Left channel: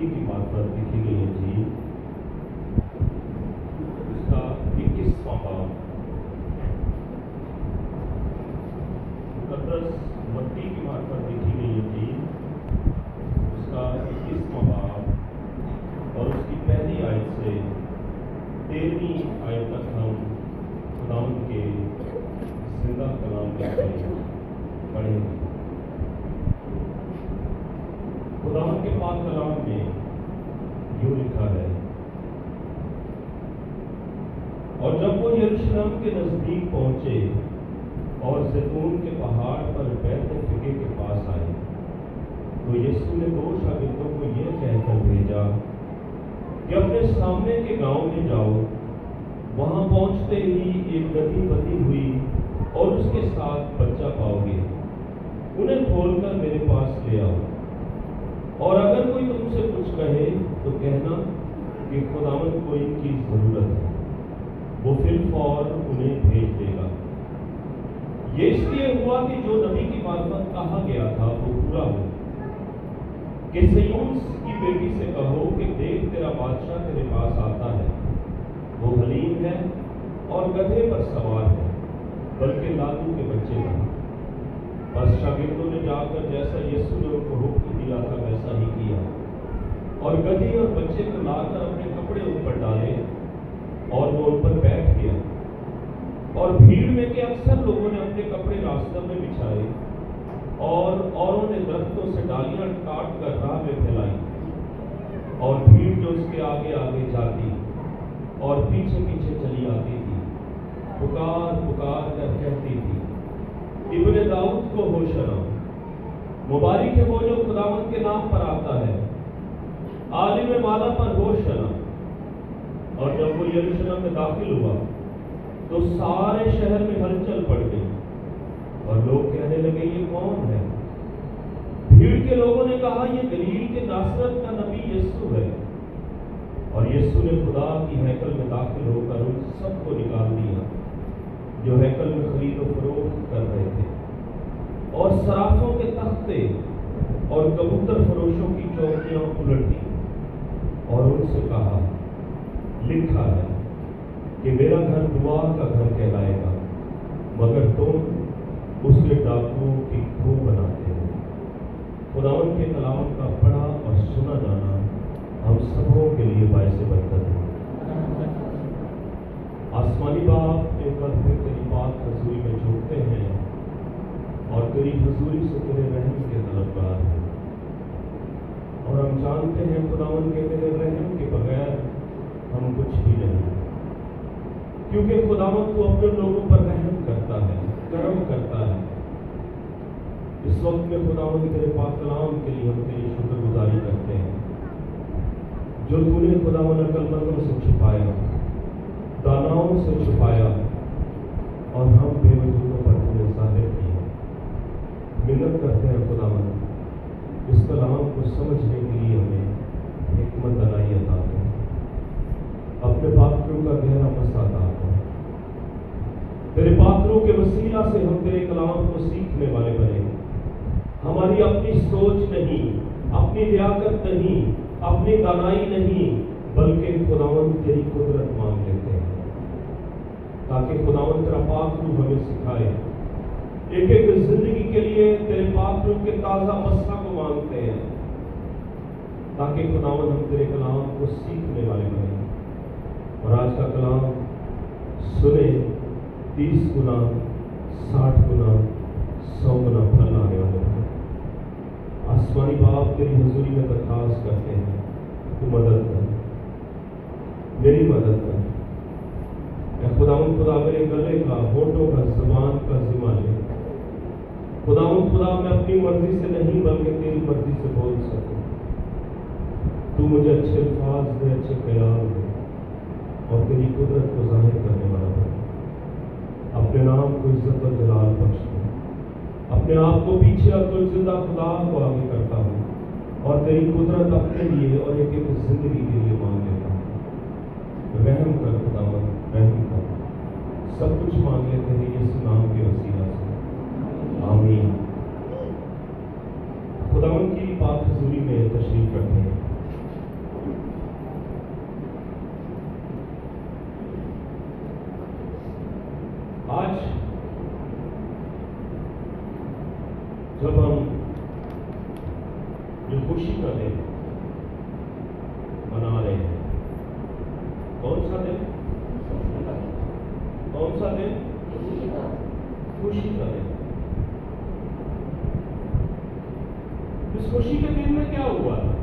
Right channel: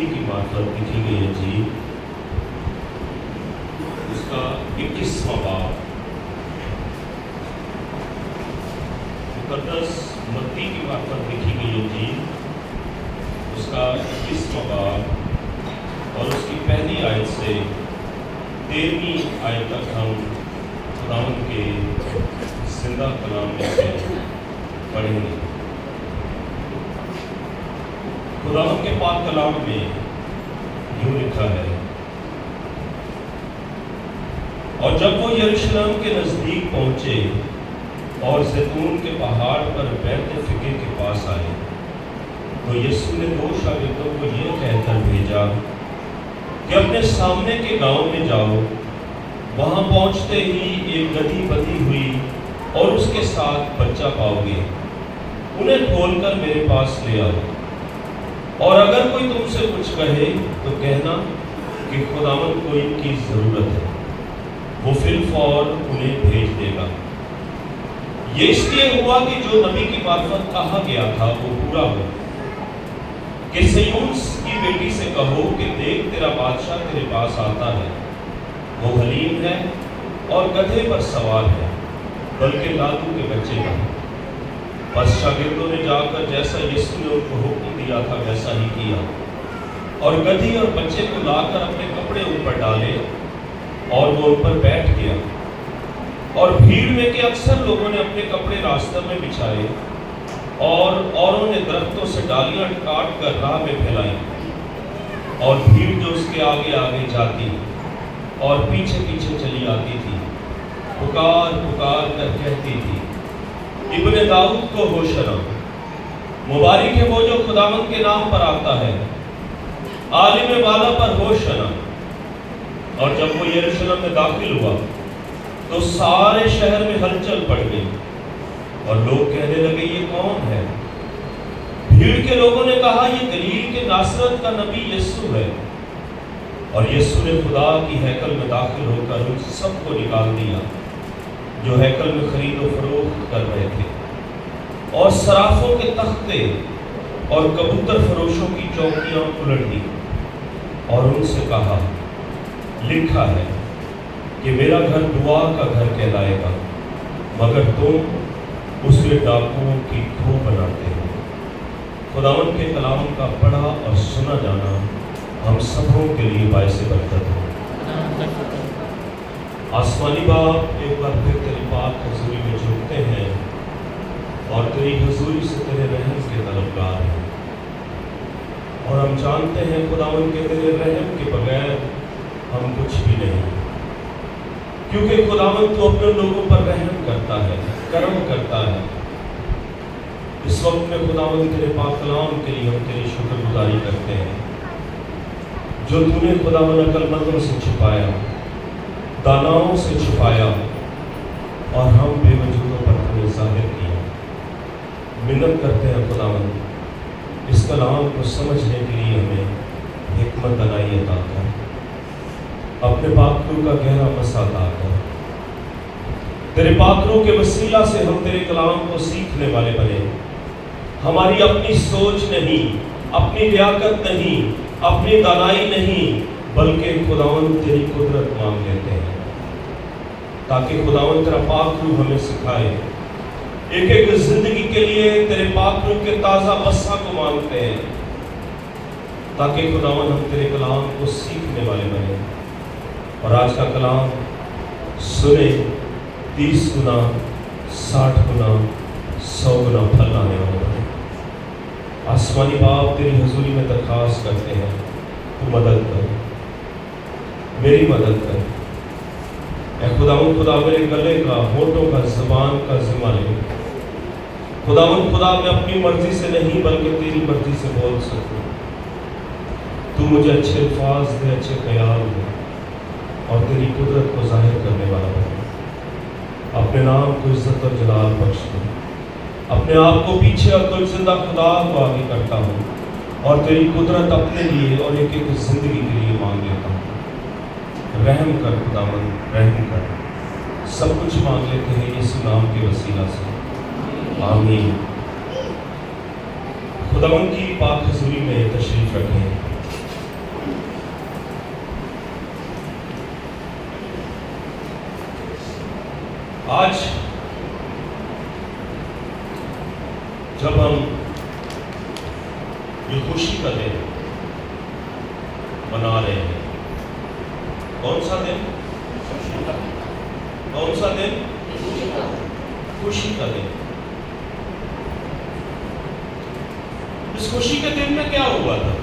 متی کی معرفت لکھی گئی انجیل اس کا 21واں باب، مقدس متی کی معرفت لکھی گئی انجیل اس کا 21واں باب اور اس کی پہلی آیت سے 13ویں آیت تک ہم خداوند کے زندہ کلام میں سے پڑھیں گے۔ خداوند کے پاک کلام میں یوں لکھا ہے، اور جب وہ یروشلم کے نزدیک پہنچے اور زیتون کے پہاڑ پر بیت فکر کے پاس آئے تو یسوع نے 2 شاگردوں کو یہ کہہ کر بھیجا کہ اپنے سامنے کے گاؤں میں جاؤ، وہاں پہنچتے ہی ایک گدھی بندھی ہوئی اور اس کے ساتھ بچہ پاؤ گے، انہیں کھول کر میرے پاس لے آؤ، اور اگر کوئی تم سے کچھ کہے تو کہنا کہ خداوند کو ان کی ضرورت ہے، وہ فی الفور انہیں بھیج دے گا۔ یہ اس لیے ہوا کہ جو نبی کی معرفت کہا گیا تھا وہ پورا ہو کہ صیون کی بیٹی سے کہو کہ دیکھ تیرا بادشاہ تیرے پاس آتا ہے، وہ حلیم ہے اور گدھے پر سوار ہے، بلکہ لادو کے بچے کا۔ بس شاگردوں نے جا کر جیسا یسوع نے ان کو حکم دیا تھا ویسا ہی کیا، اور گدھی اور بچے کو لا کر اپنے کپڑے اوپر ڈالے اور وہ ان پر بیٹھ گیا، اور بھیڑ میں کے اکثر لوگوں نے اپنے کپڑے راستہ میں بچھائے اور اوروں نے درختوں سے ڈالیاں کاٹ کر راہ میں پھیلائی، اور بھیڑ جو اس کے آگے آگے جاتی اور پیچھے پیچھے چلی آتی تھی پکار پکار کر کہتی تھی، ابن داؤد کو ہوشنا، مبارک ہے وہ جو خداوند کے نام پر آتا ہے، عالم بالا پر ہوشنا۔ اور جب وہ یروشلم میں داخل ہوا تو سارے شہر میں ہلچل پڑ گئی، اور لوگ کہنے لگے یہ کون ہے؟ بھیڑ کے لوگوں نے کہا یہ گلیل کے ناصرت کا نبی یسوع ہے۔ اور یسوع نے خدا کی ہیکل میں داخل ہو کر ان سب کو نکال دیا جو ہیکل میں خرید و فروخت کر رہے تھے، اور صرافوں کے تختے اور کبوتر فروشوں کی چوکیاں الٹ دی، اور ان سے کہا لکھا ہے کہ میرا گھر دعا کا گھر کہلائے گا، مگر تم اسے ڈاکوؤں کی کھو بناتے ہو۔ خداوند کے کلام کا پڑھا اور سنا جانا ہم سبوں کے لیے باعث برکت ہو۔ آسمانی باپ، ایک بار پھر تیری پاک حضوری میں جھکتے ہیں اور تیری حضوری سے تیرے رحم کے طلبگار ہیں، اور ہم جانتے ہیں خداوند کے تیرے رحم کے بغیر ہم کچھ بھی نہیں، کیونکہ خداوند تو اپنے لوگوں پر رحم کرتا ہے، کرم کرتا ہے۔ اس وقت میں خداوند تیرے پاک کلام کے لیے ہم تیری شکر گزاری کرتے ہیں جو تو نے خداوند عقل مندوں سے چھپایا، داناؤں سے چھپایا، اور ہم بے وجودوں پر تمہیں ظاہر کیا۔ منت کرتے ہیں خداوند اس کلام کو سمجھنے کے لیے ہمیں حکمت دانائی عطا کر، اپنے پاک روح کا گہرا مسا عطا کر۔ تیرے پاک روح کے وسیلہ سے ہم تیرے کلام کو سیکھنے والے بنے، ہماری اپنی سوچ نہیں، اپنی لیاقت نہیں، اپنی دانائی نہیں، بلکہ خداوند تیری قدرت مانگ لیتے ہیں، تاکہ خداوند تیرا پاک روح ہمیں سکھائے۔ ایک ایک زندگی کے لیے تیرے پاک روح کے تازہ مسا کو مانگتے ہیں، تاکہ خداوند ہم تیرے کلام کو سیکھنے والے بنے، اور آج کا کلام سنے 30 گنا 60 گنا 100 گنا پھل آنے والا بنے۔ آسمانی باپ، تیری حضوری میں درخواست کرتے ہیں تو مدد کر، میری مدد کر۔ اے خداوند خدا، میرے گلے کا، ہونٹوں کا، زبان کا ذمہ لے۔ خداوند خدا، میں اپنی مرضی سے نہیں بلکہ تیری مرضی سے بول سکوں۔ تو مجھے اچھے الفاظ دے، اچھے خیال دے، اور تیری قدرت کو ظاہر کرنے والا بن۔ اپنے نام کو عزت اور جلال بخش دے۔ اپنے آپ کو پیچھے عقل زندہ خدا کو آگے کرتا ہوں، اور تیری قدرت اپنے لیے اور ایک ایک زندگی کے لیے مانگ لیتا ہوں۔ رحم کر خداوند، رحم کر۔ سب کچھ مانگ لیتے ہیں یسوع نام کے وسیلہ سے، آمین۔ خداوند کی پاک حضوری میں تشریف رکھیں۔ آج جب ہم یہ خوشی کا دن منا رہے ہیں، کون سا دن؟ کون سا دن؟ خوشی کا دن۔ اس خوشی کے دن میں کیا ہوا تھا؟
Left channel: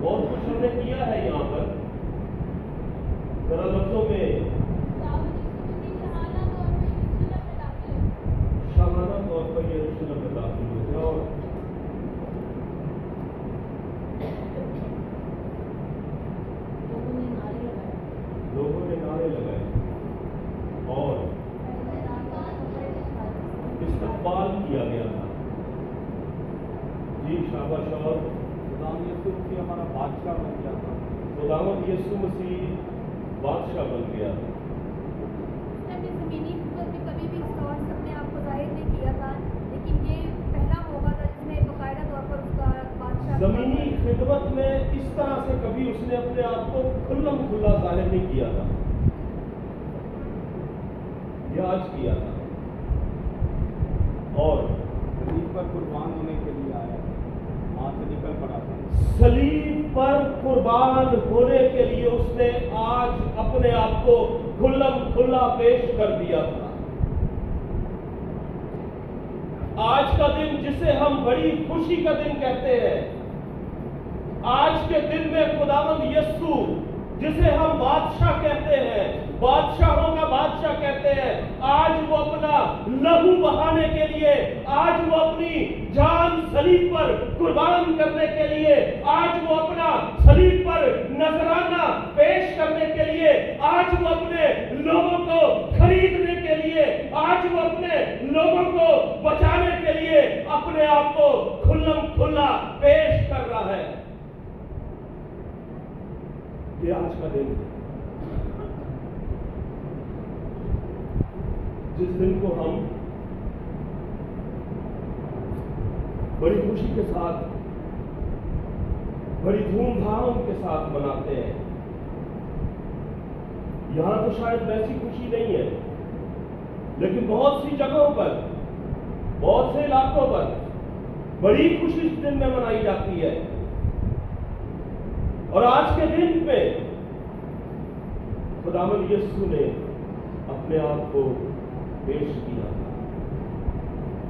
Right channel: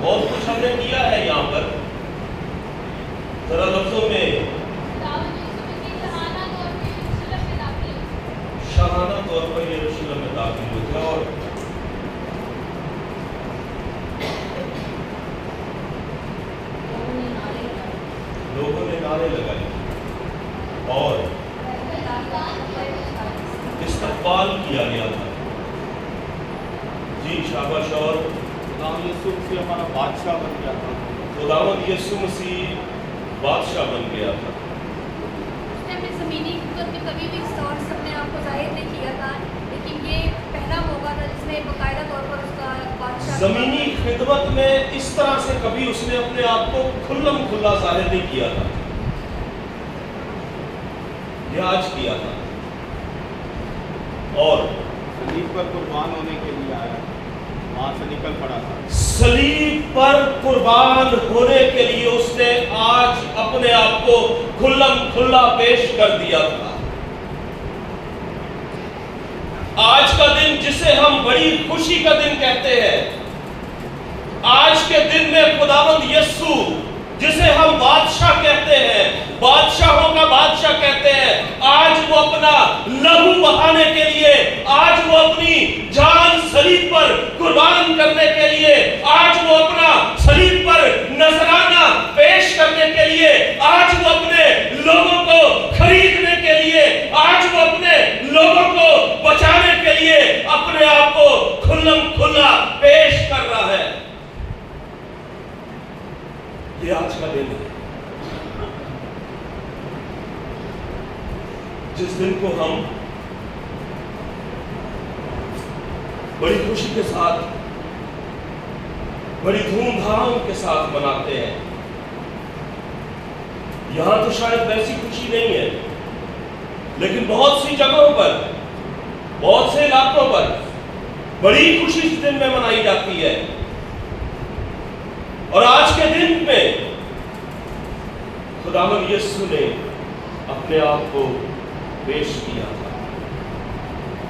بہت کچھ ہم نے کیا ہے یہاں پر، ذرا لفظوں میں شاہانہ طور پر یروشلم میں داخل ہوئے تھے، اور لوگوں نے نعرے لگائے اور استقبال کیا گیا تھا۔ جی شاباش۔ اور خداوند یسوع مسیح ہمارا بادشاہ بن گیا تھا۔ خداوند یسوع مسیح بادشاہ بن گیا تھا۔ اس نے اپنی زمینی حکومت میں کبھی بھی اس طور سے اپنے آپ کو ظاہر نہیں کیا تھا، لیکن یہ پہلا موقع تھا جس میں باقاعدہ طور پر اس کا بادشاہ زمینی خدمت میں اس طرح سے کبھی اس نے اپنے آپ کو کھلم کھلا ظاہر نہیں کیا تھا، یہ آج کیا تھا۔ اور صلیب پر قربان ہونے کے لیے آیا، وہاں سے نکل پڑا تھا۔ صلیب پر قربان ہونے کے لیے اس نے آج اپنے آپ کو کھلم کھلا پیش کر دیا تھا۔ آج کا دن جسے ہم بڑی خوشی کا دن کہتے ہیں، آج کے دن میں خداوند یسوع جسے ہم بادشاہ کہتے ہیں، بادشاہوں کا بادشاہ کہتے ہیں، آج وہ اپنا لہو بہانے کے لیے، آج وہ اپنی جان صلیب پر قربان کرنے کے لیے، آج وہ اپنا صلیب پر نذرانہ پیش کرنے کے لیے، آج وہ اپنے لوگوں کو خریدنے کے لیے، آج وہ اپنے لوگوں کو بچانے کے لیے اپنے آپ کو کھلم کھلا پیش کر رہا ہے۔ یہ آج کا دن ہے جس دن کو ہم بڑی خوشی کے ساتھ، بڑی دھوم دھام کے ساتھ مناتے ہیں۔ یہاں تو شاید ویسی خوشی نہیں ہے، لیکن بہت سی جگہوں پر، بہت سے علاقوں پر بڑی خوشی اس دن میں منائی جاتی ہے۔ اور آج کے دن میں خداوند یسوع نے اپنے آپ کو پیش کیا تھا،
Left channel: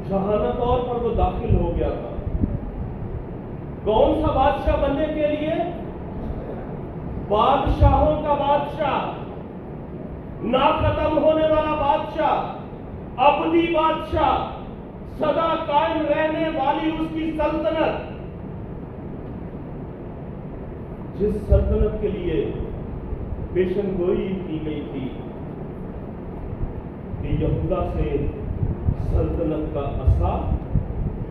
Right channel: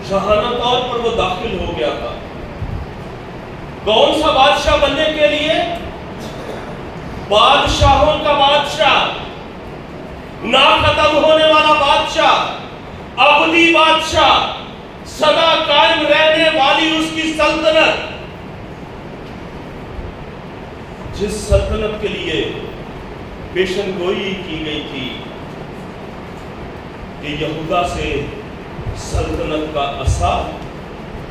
شاہانہ طور پر وہ داخل ہو گیا تھا۔ کون سا بادشاہ بننے کے لیے؟ بادشاہوں کا بادشاہ، نہ ختم ہونے والا بادشاہ، ابدی بادشاہ، سدا قائم رہنے والی اس کی سلطنت، جس سلطنت کے لیے پیشن گوئی کی گئی تھی کہ یہودا سے سلطنت کا عصا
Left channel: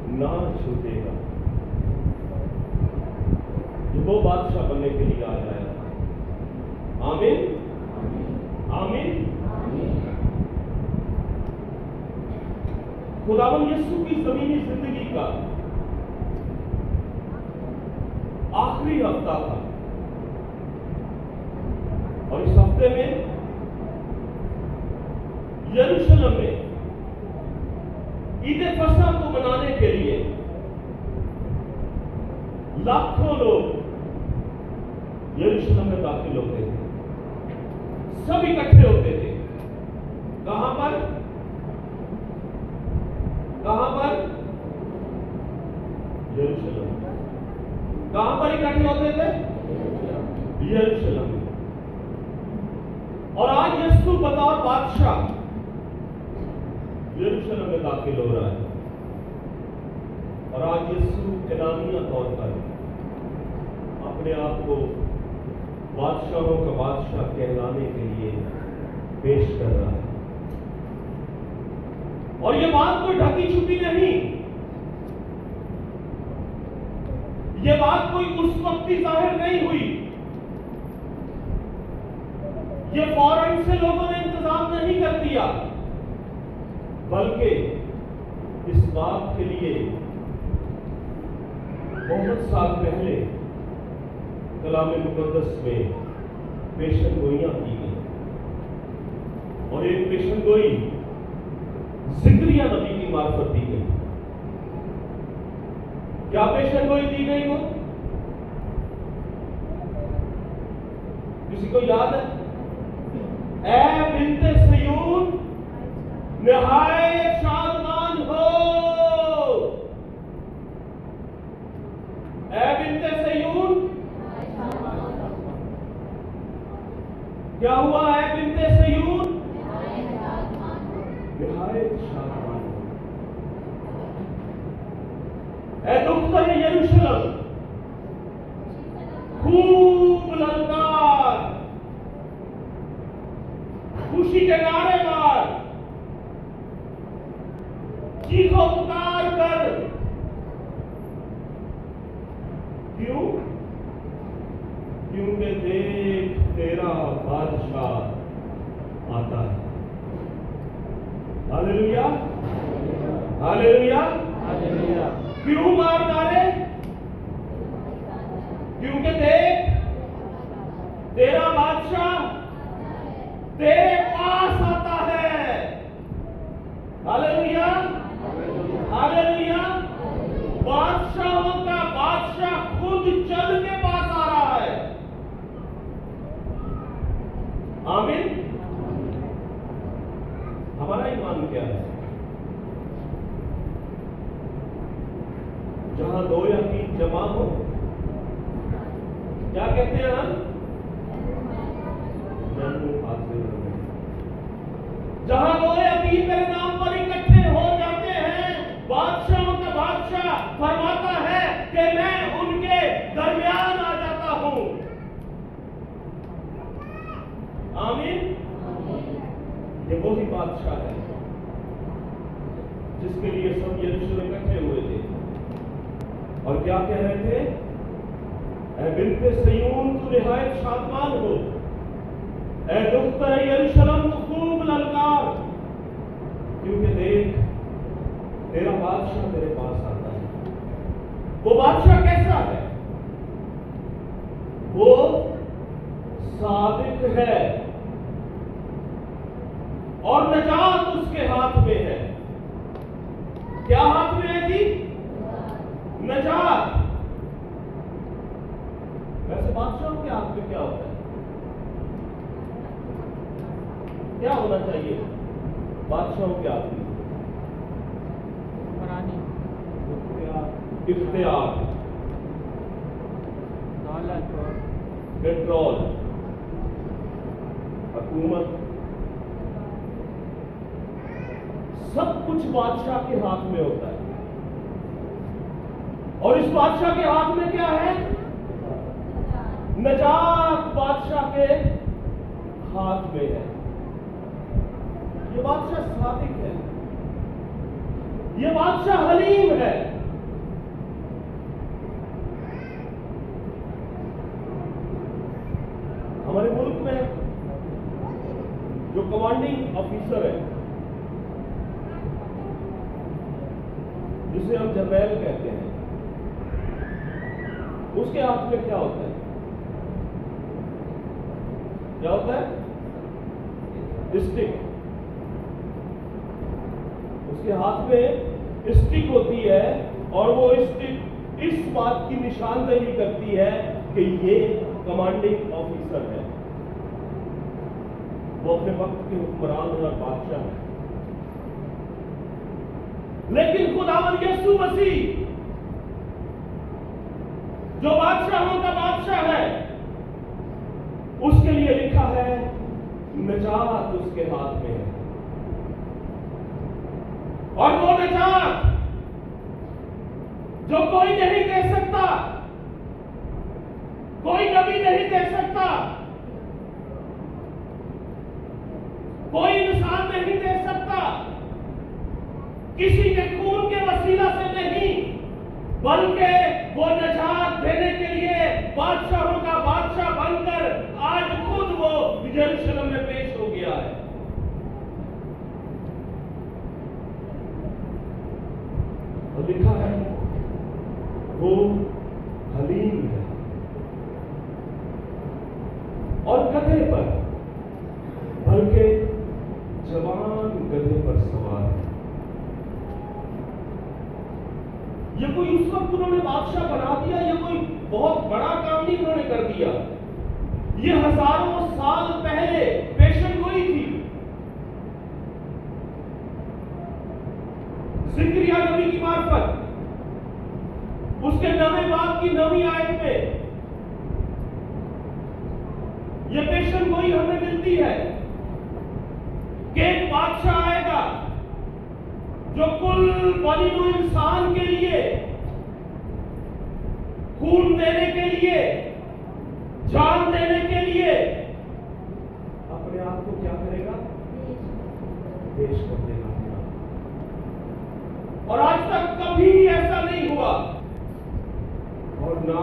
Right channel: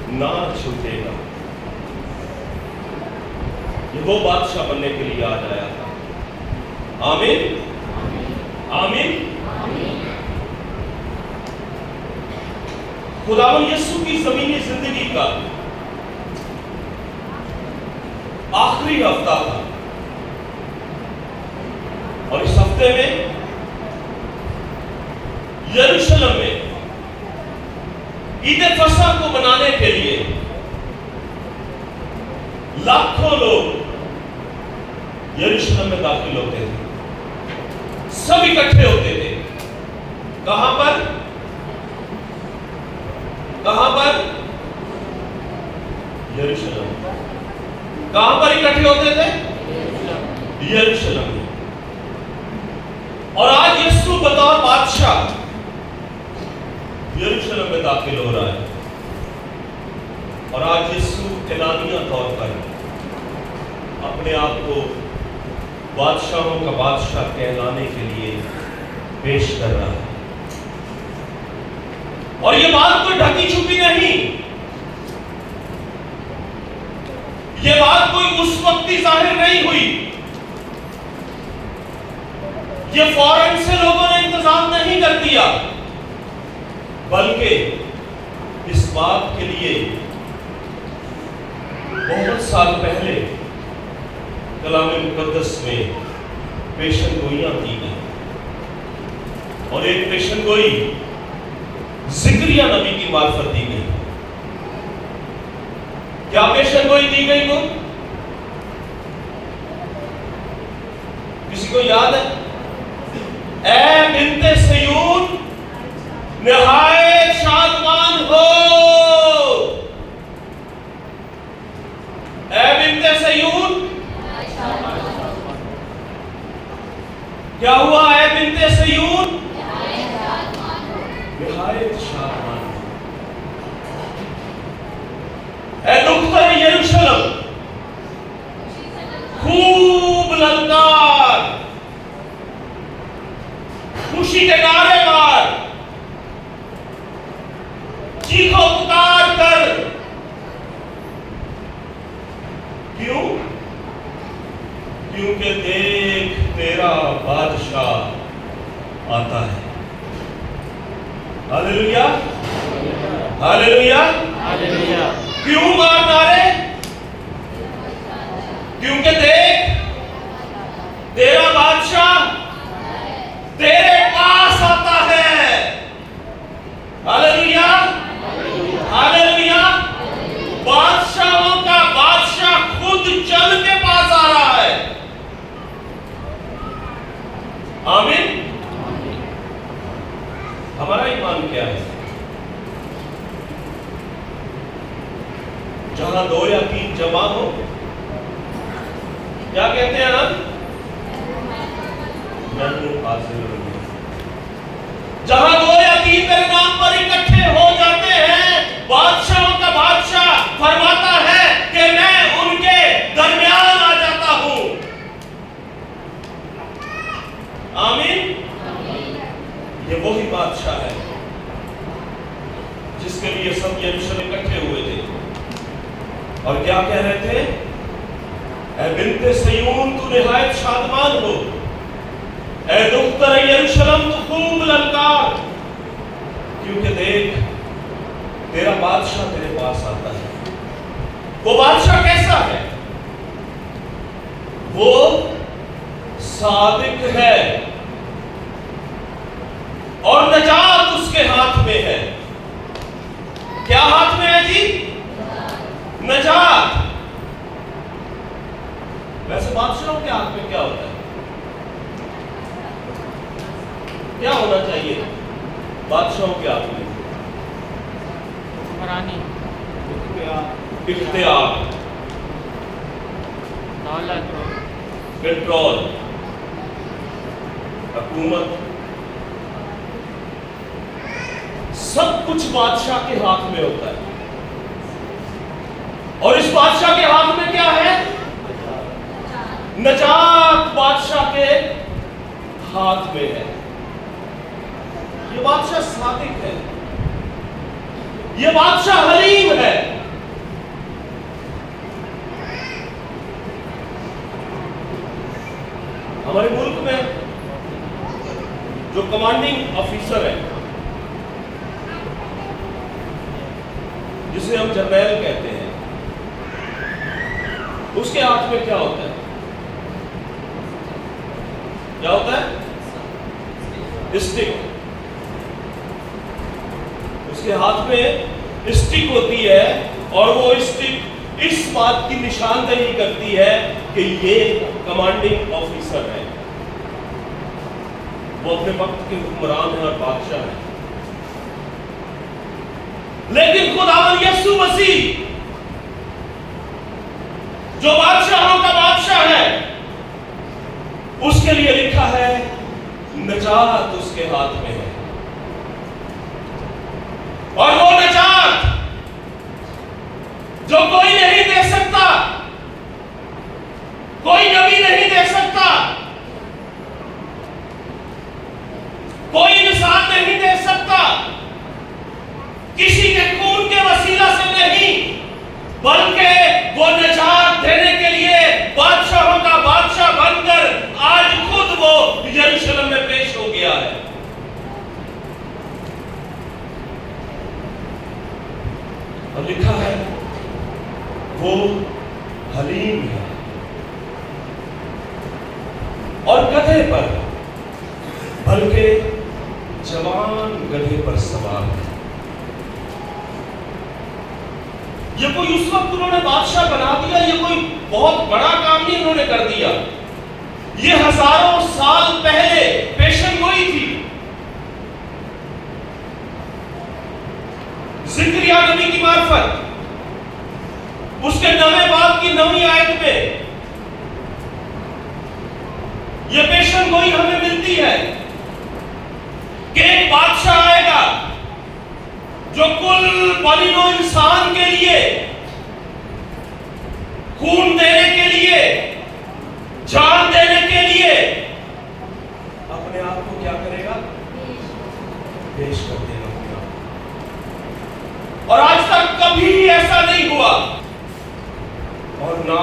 نہ چھوٹے گا۔ یہ وہ بادشاہ بننے کے لیے آج آیا تھا۔ آمین آمین۔ خداوند یسوع کی زمینی زندگی کا آخری ہفتہ تھا، اور اس ہفتے میں یروشلم میں عید فصح کو منانے کے لیے لاکھوں لوگ یروشلم میں داخل ہوتے تھے، سب اکٹھے ہوتے تھے۔ کہاں پر؟ کہاں پر؟ یروشلم۔ کہاں پر اکٹھے ہوتے تھے؟ یروشلم میں۔ اور آج یسوع بطور بادشاہ یروشلم میں داخل ہو رہا ہے، اور آج یسوع اعلانیہ طور پر اپنے آپ کو بادشاہوں کا بادشاہ کہلانے کے لیے پیش کر رہا ہے۔ اور یہ بات کوئی ڈھکی چھپی نہیں، یہ بات کوئی اس وقت ہی ظاہر نہیں ہوئی، یہ فوراً سے لوگوں نے انتظام نہیں کر دیا، بلکہ اس بات کے لیے بہت سال پہلے کلام مقدس میں پیشن گوئیاں کی گئی، اور ایک پیشن گوئی زکریا نبی کی معرفت دی گئی. کیا پیشن گوئی دی گئی وہ؟ کسی کو یاد ہے؟ اے بنت سیون نہایت شادمان ہو. اے بنت سیون کیا ہوا؟ اے بنت سیون نہایت شادمان ہو. اے دختر یروشلم خوب للکار، خوشی کے نعرے مار، چیخو پکار کر. کیوں؟ کیونکہ دیکھ تیرا بادشاہ آتا ہے. ہاللیلویا ہاللیلویا. کیوں مار نعرے؟ کیونکہ دیکھ تیرا بادشاہ تیرے پاس آتا ہے. ہاللیلویا ہاللیلویا. بادشاہوں کا بادشاہ خود چل کے پاس آ رہا ہے. آمین. ہمارا ایمان کیا ہے؟ جہاں دو یا تین جمع ہو، کیا کہتے ہیں نا؟ جہاں دو یا تین میرے نام پر اکٹھے ہو جاتے ہیں، بادشاہوں کا بادشاہ فرماتا ہے کہ میں ان کے درمیان آ جاتا ہوں. آمین. یہ وہی بادشاہ ہے جس کے لیے سب یروشلم اکٹھے ہوئے تھے، اور کیا کہہ رہے تھے؟ اے بنت سیون تو نہایت شادمان ہو، اے دختر یروشلم تو خوب للکار، کیونکہ دیکھ تیرا بادشاہ تیرے پاس آتا ہے. وہ بادشاہ کیسا ہے؟ وہ صادق ہے، اور نجات اس کے ہاتھ میں ہے. کیا ہاتھ میں ہے جی؟ نجات. ویسے بادشاہوں کے ہاتھ میں کیا ہوتا ہے؟ کیا ہونا چاہیے بادشاہوں کے ہاتھ میں؟ اختیار، کنٹرول، حکومت، سب کچھ بادشاہ کے ہاتھ میں ہوتا ہے. اور اس بادشاہ کے ہاتھ میں کیا ہے؟ نجات بادشاہ کے ہاتھ میں ہے. یہ بادشاہ صادق ہے، یہ بادشاہ حلیم ہے. ہمارے ملک میں جو کمانڈنگ آفیسر ہے، جسے ہم جرنیل کہتے ہیں، اس کے ہاتھ میں کیا ہوتا ہے؟ کیا ہوتا ہے؟ اسٹک. اس کے ہاتھ میں اسٹک ہوتی ہے، اور وہ اسٹک اس بات کی نشاندہی کرتی ہے کہ یہ کمانڈنگ آفیسر ہے، وہ اپنے وقت کے حکمران ہیں اور بادشاہ ہیں. لیکن خداوند یسوع مسیح جو بادشاہوں کا بادشاہ ہے، اس کے لیے لکھا ہے نجات اس کے ہاتھ میں ہے. اور وہ نجات جو کوئی نہیں دے سکتا، کوئی نبی نہیں دے سکتا، کوئی انسان نہیں دے سکتا، کسی کے خون کے وسیلہ سے نہیں، بلکہ وہ نجات دینے کے لیے بادشاہوں کا بادشاہ بن کر آج خود وہ یروشلم میں پیش ہو گیا ہے. اور لکھا ہے وہ حلیم ہے. اور گدھے پر، بلکہ جوان گدھے پر سوار ہے۔ یہ کوئی اس وقت انہوں نے بادشاہ بنا دیا، یہ کوئی بہت بڑا کام نہیں انہوں نے کر دیا، یہ ہزاروں سال پہلے پیشن گوئی تھی۔ زکریا نبی کی معرفت اس کے 9 باب کی 9 آیت میں یہ پیشن گوئی ہمیں ملتی ہے کہ ایک بادشاہ آئے گا جو کل بنی نوع انسان کے لیے، خون دینے کے لیے، جان دینے کے لیے اپنے آپ کو کیا کرے گا؟ پیش کر دے گا اپنے آپ۔ اور آج تک کبھی ایسا نہیں ہوا اور نہ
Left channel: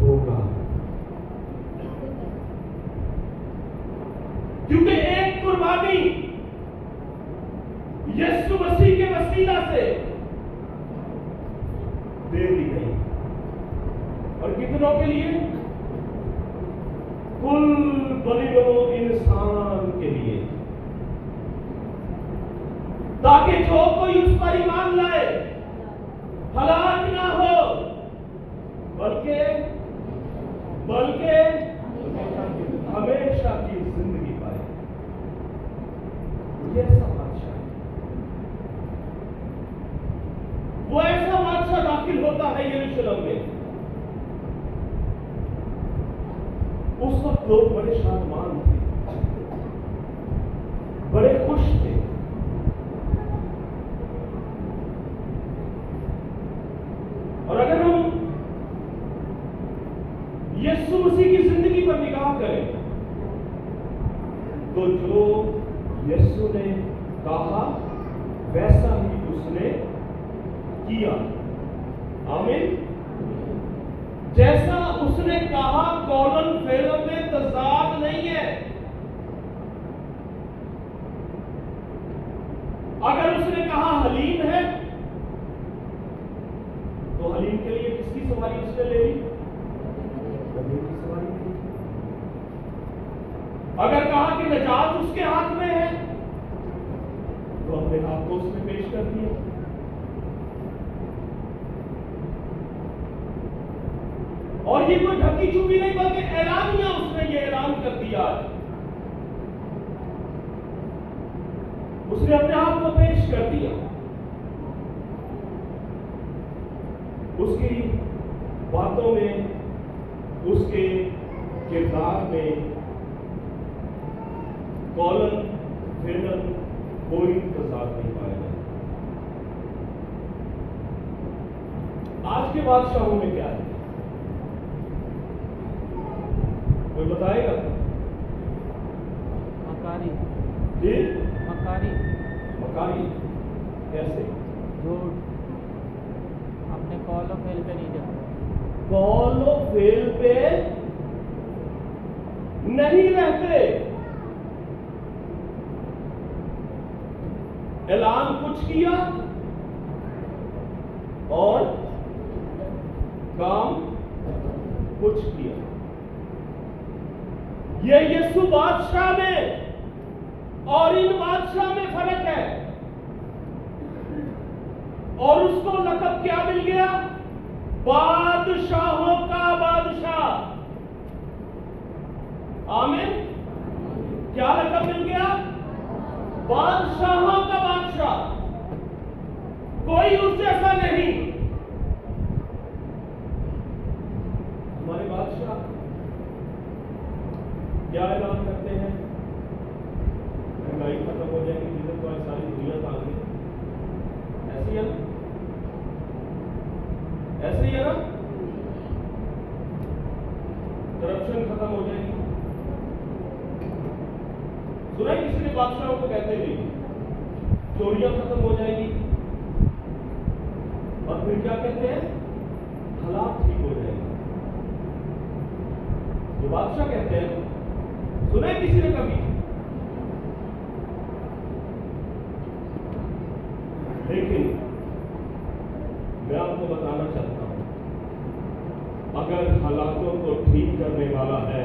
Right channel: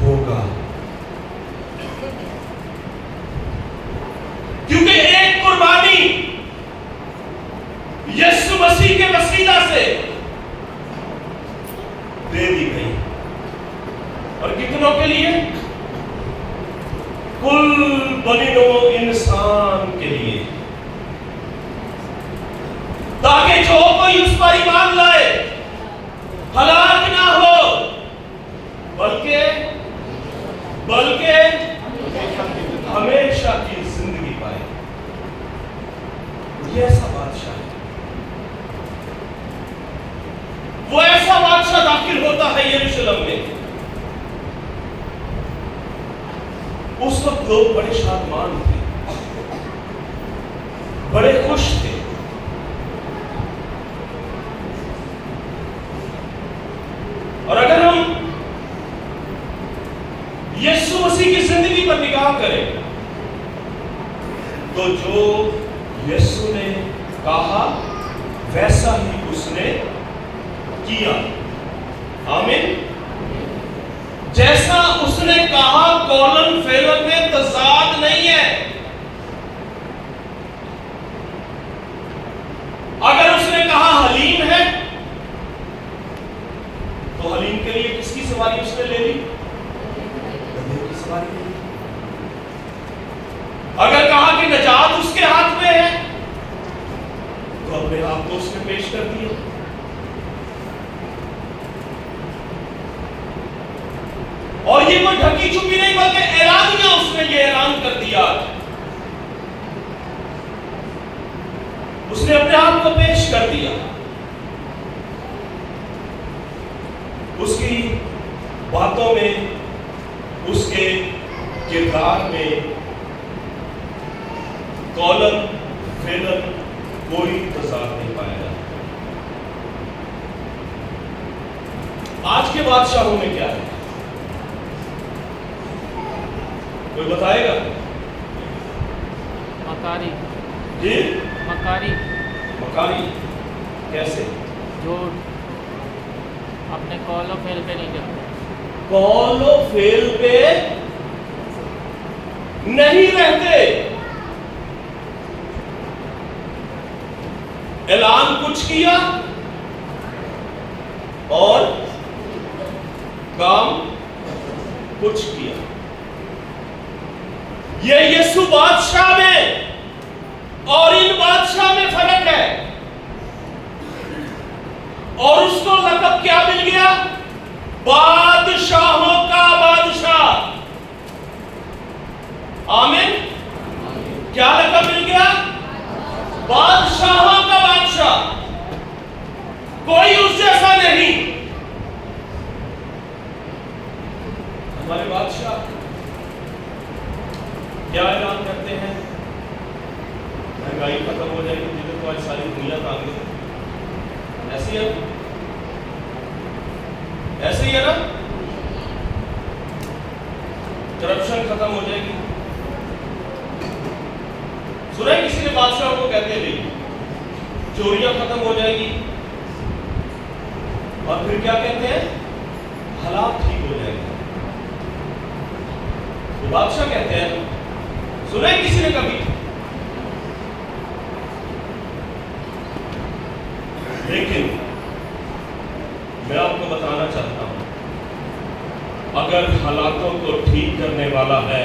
ہوگا، کیونکہ ایک قربانی یسوع مسیح کے وسیلہ سے دے دی گئی، اور کتنوں کے لیے؟ کل بنی نوع انسان کے لیے، تاکہ جو کوئی اس پر ایمان لائے ہلاک نہ ہو بلکہ ہمیشہ کی زندگی پائے۔ یہ ایسا بادشاہ ہے، وہ ایسا بادشاہ داخل ہوتا ہے یروشلم میں۔ اس وقت لوگ بڑے شادمان تھے، بڑے خوش تھے، اور اگر ہم یسوع مسیح کی زندگی پر نگاہ کریں تو جو یسوع نے کہا ویسا ہی اس نے کیا۔ آمین۔ جیسا اس نے کہا قولن فعلن میں تضاد نہیں ہے۔ اگر اس نے کہا حلیم ہے تو حلیم کے لیے کس کی سواری اس نے لے لی؟ گدھے کی سواری لے لی۔ اگر کہا کہ نجات اس کے ہاتھ میں ہے تو اپنے آپ کو اس نے پیش کر دیا۔ اور یہ کوئی ڈھکی چھپی نہیں بلکہ اعلانیہ اس نے یہ اعلان کر دیا، اس نے اپنے آپ کو پیش کر دیا۔ اس کی باتوں میں، اس کے کردار میں قولن فعلن کوئی تضاد نہیں پایا جاتا۔ آج کے بادشاہوں میں کیا ہے؟ کوئی بتائے گا؟ مکاری، جی مکاری، مکاری کیسے؟ جو اپنے قول و فعل پہ نہیں کرتے، قول و فعل پہ نہیں رہتے، اعلان کچھ کیا اور کام کچھ کیا۔ یہ یسوع بادشاہ میں اور ان بادشاہ میں فرق ہے، اور اس کو لقب کیا مل گیا؟ بادشاہوں کا بادشاہ۔ آمین۔ کیا لقب مل گیا؟ بادشاہوں کا بادشاہ۔ کوئی اس جیسا نہیں۔ ہمارے بادشاہ کیا اعلان کرتے ہیں؟ مہنگائی ختم ہو جائے گی، جدھر تو آج ساری دنیا کام ہے۔ ایسے ہی ہے، ایسے ہی ہے نا؟ کرپشن ختم ہو جائے گی۔ سنا ہے کسی نے بادشاہ کو کہتے ہیں چوریاں ختم ہو جائے گی، اور پھر کیا کہتے ہیں؟ حالات ٹھیک ہو جائے گا۔ وہ بادشاہ کہتے ہیں، سنا ہے کسی نے کبھی؟ لیکن میں آپ کو بتانا چاہتا ہوں، اگر حالاتوں کو ٹھیک کرنے والا ہے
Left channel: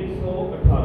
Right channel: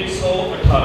118।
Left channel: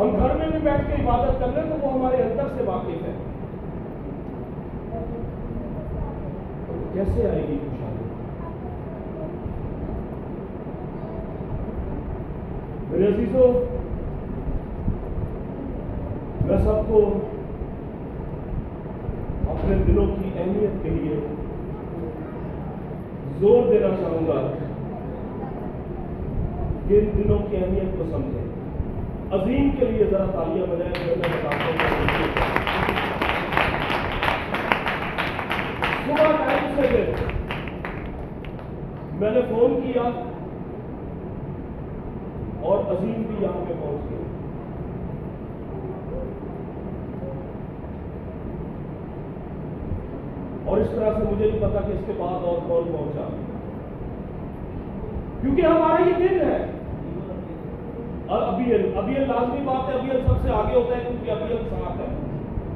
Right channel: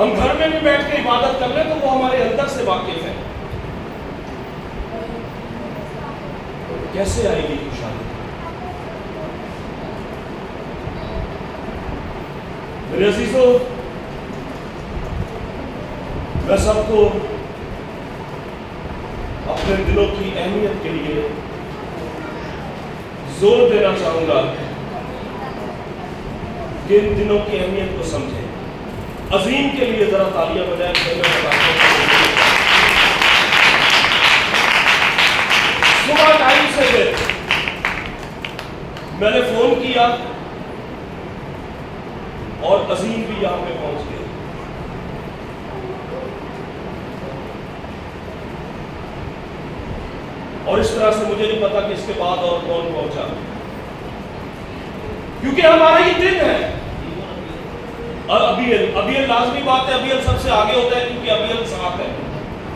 ہم گھر میں بھی بیٹھ کے عبادت کر لیں تو وہ ہمارے اندر سے واقف ہے. کیسے آئے گی خوشحالی؟ میرے عزیزو، میں سب کو اپنے دلوں کی اہمیت کے لیے زور دینا چاہوں گا کہ ان دنوں کی اہمیت کو سمجھیں. عظیم کے لیے ذرا تالیاں بجائیں. صبح ٹائم سے پھر میں نے فون کیا اور عظیم بھی یہاں پہ پہنچ گئے. اور اس طرح سے مجھے نہیں پتا کہ اس کے بعد اور کون پہنچا، کیونکہ ہمارا یہ دن ہے. اور ابیل لازمی بات ہے، ابیل سب سے آگے ہوتا ہے کیونکہ ابیل ساتھ ہے،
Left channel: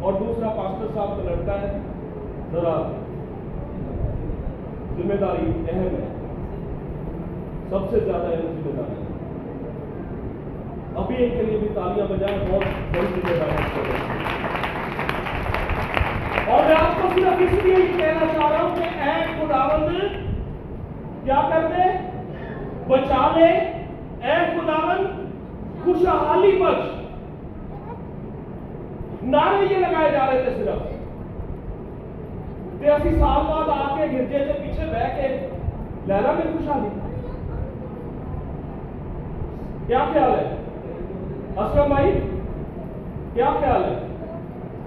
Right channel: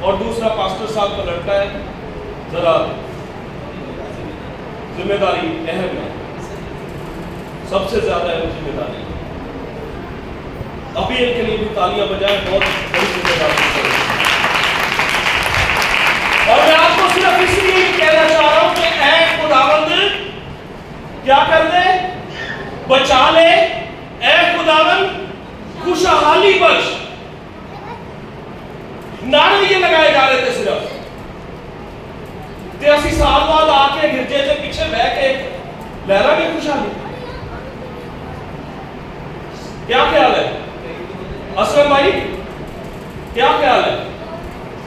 اور دوسرا پاسٹر صاحب کا لڑکا ہے. ذرا ذمہ داری اہم ہے، سب سے زیادہ اہم ذمہ داری. ابیل کے لیے بھی تالیاں بجائیں، بہت بڑی ذمہ داری ہے. اور میں آپ کو صرف اس لیے کہنا چاہ رہا ہوں کہ اے خداوند کیا کر دے؟ بچا لے. اے خداوند خوشحالی بخش. نعرے یہ لگائے جا رہے تھے صرف. تے اسی سال بعد آ کے گرجے کے پیچھے بہ کے لہرا گے خوشحالی. کیا خیال ہے اسلم بھائی؟ کیا خیال ہے؟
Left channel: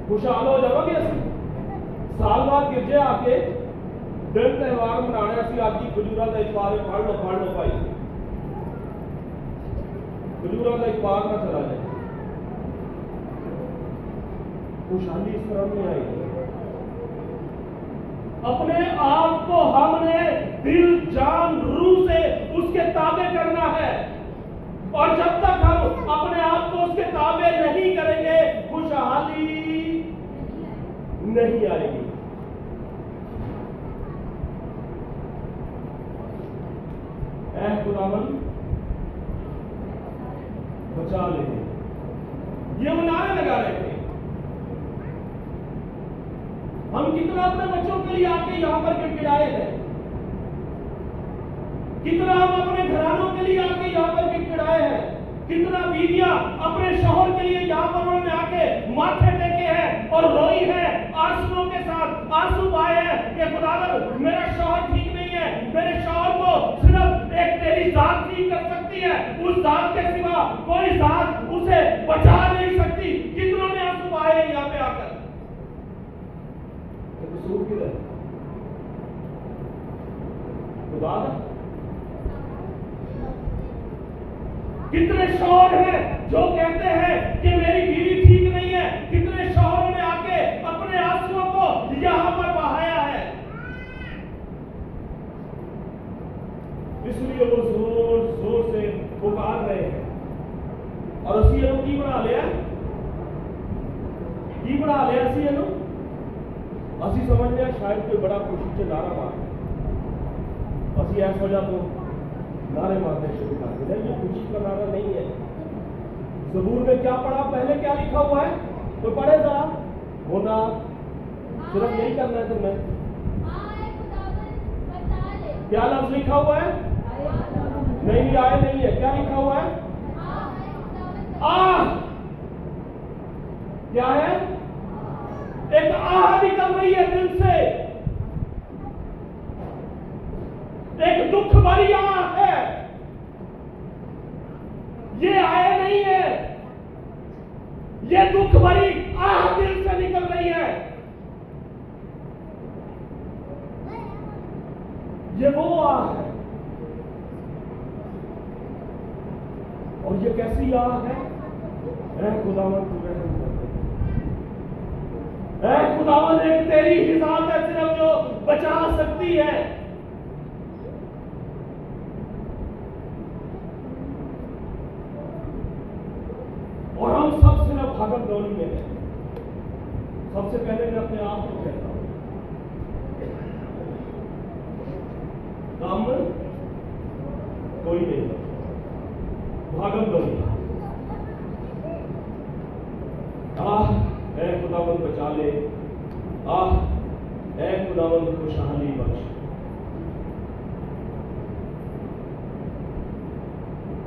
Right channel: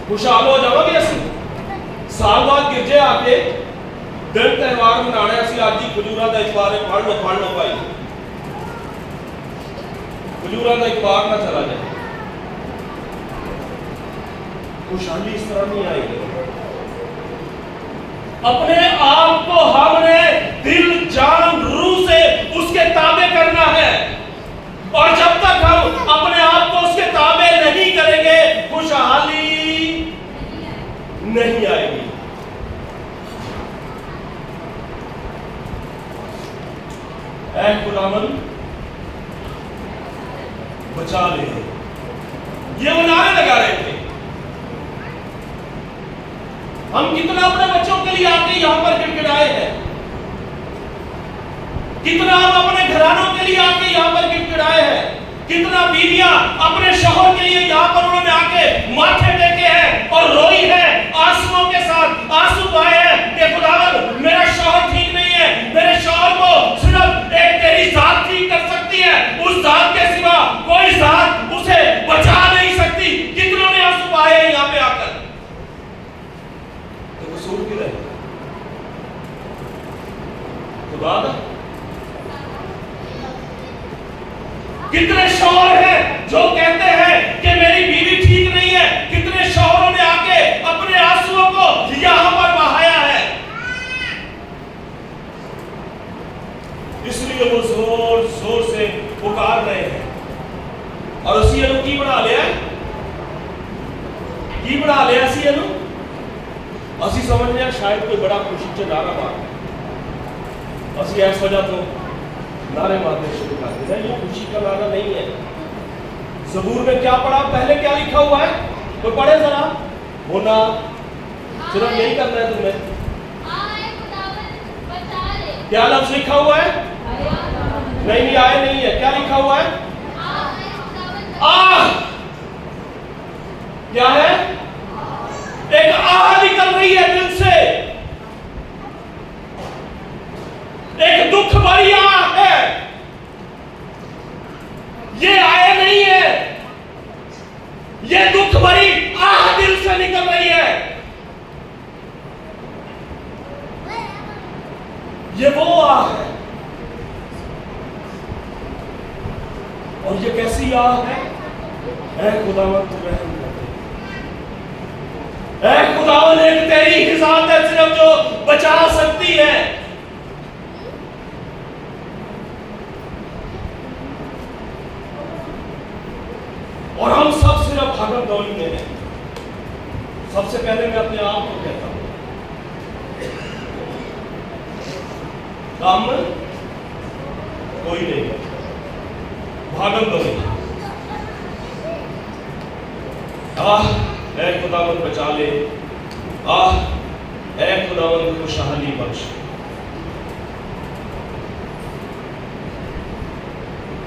خوشحال ہو جاؤ گے اسی سال بعد گرجے آ کے دن تہوار منانے اسی آج جی کھجورا دا اتوار پڑھ لو بھائی. کھجورا دا اتوار نہ چلا جائے. خوشحالی اس طرح نہیں آئے گی. اپنے آپ کو ہم نے دل جان روح سے اس کے تابع کرنا ہے، اور جب تک ہم اپنے آپ کو اس کے تابع نہیں کریں گے خوشحالی نہیں آئے گی. اے خداوند بچا لے. یہ وہ نعرے لگا رہے تھے. ہم کتنا اپنے بچوں کے لیے آ کے یہاں پر گڑگڑائے ہیں، کتنا ہم اپنے گھرانوں کے لیے آ کے یہاں پر گڑگڑائے ہیں، کتنا بیویاں اپنے شوہر کے لیے یہاں پر انہوں نے آ کے ماتھے ٹیکے ہیں اور روئی ہے آنسوؤں کے ساتھ. آنسو بہائے ہیں کہ خداوند میرا شوہر ٹھیک نہیں ہے، میرے شوہر کو صرف ایک تیری ذات ٹھیک کر سکتی ہے، اس ذات کے سوا کوئی ذات اسے بچا نہیں سکتی. کتنوں نے آنسو بہائے ہیں یہاں پہ آ کر. تو قصور کدھر ہے؟ خدا کا. کتنے شوہر ہیں جو کہتے ہیں کہ میری بیوی ٹھیک نہیں ہے. کتنے شوہروں نے آ کے اپنے آنسوؤں کو یہاں پر بہایا ہے. اس لیے وہ زور زور سے پکار رہے ہیں. اور اسی انو کی بنا لیا ہے؟ کی بنا لیا اسی انو؟ اسی سمجھ لیا شاید کوئی بڑا خوشی سے نعرہ مار ہے. اسی ایس وجہ تو نعرے مارنے شروع کر دیا. یہ خوشی کا نعرہ نہیں ہے. زبور میں کیا پڑھا؟ پہلے کیا لکھا ہوا ہے؟ کوئی پڑھے ذرا. ہونا صرف یہی کرنا ہے تمہیں. کیا لفظ لکھا ہوا ہے؟ نہیں آئے نہیں ہے. کیا لکھا ہوا ہے؟ آہ. کیا ہے؟ ایک آہ نکل رہی ہے دل سے. ایک دکھ بھری آہ ہے. یہ آئے نہیں ہے، یہ دکھ بھری آہ دل سے نکل رہی ہے. یہ وہ آہ ہے. اور یہ کیسی آہ ہے؟ اے خداوند تو رحم کر دے. اے خداوند ایک تیری ہی ذات ہے صرف جو بچا سکتی ہے. اور ہم سب صرف بھاگم دوڑی میں ہیں. سب سے پہلے میں اپنے آپ کو کہتا ہوں کام کوئی نہیں ہے. بھاگم دوڑی اے خداوند بچا لے، اے خداوند خوشحالی بخش۔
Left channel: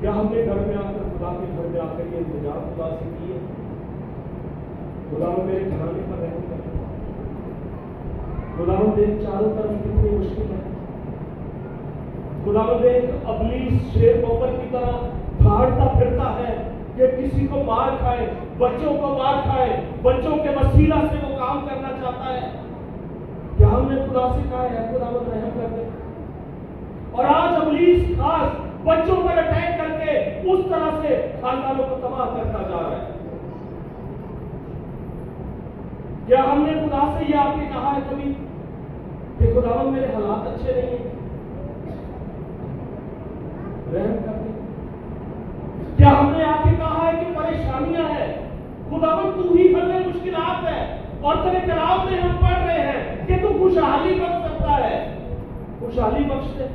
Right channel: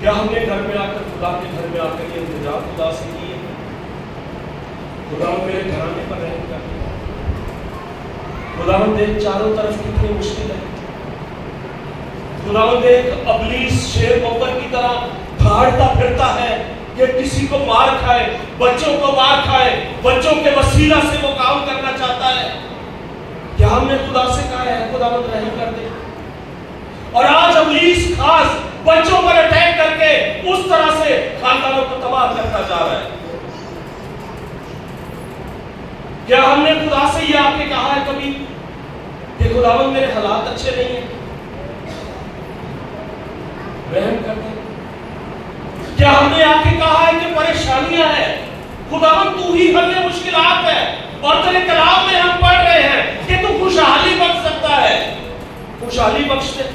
کیا ہم نے گھر میں آ کر، خدا کے گھر میں آ کر یہ التجا خدا سے کی ہے؟ خداوند میرے گھرانے پر رحم کر۔ خداوند دیکھ چاروں طرف کتنی مشکل ہے۔ خداوند دیکھ ابلیس شیر بکر کی طرح بھاڑتا پھرتا ہے کہ کسی کو مار کھائے، بچوں کو مار کھائے، بچوں کے وسیلہ سے وہ کام کرنا چاہتا ہے۔ کیا ہم نے خدا سے کہا ہے خداوند رحم کر دے؟ اور آج ابلیس خاص بچوں پر اٹیک کر کے اس طرح سے خاندانوں کو تباہ کرتا جا رہا ہے۔ کیا ہم نے خدا سے یہ آپ نے کہا ہے کبھی کہ خداوند میرے حالات اچھے نہیں ہیں، رحم کر دے؟ کیا ہم نے آپ کے کہا ہے کہ پریشانیاں ہیں، خداوند تو ہی حل مشکلات ہے، اور تیرے کلام میں ہم پڑھ رہے ہیں کہ تو خوشحالی بخش سکتا ہے، خوشحالی بخش دے۔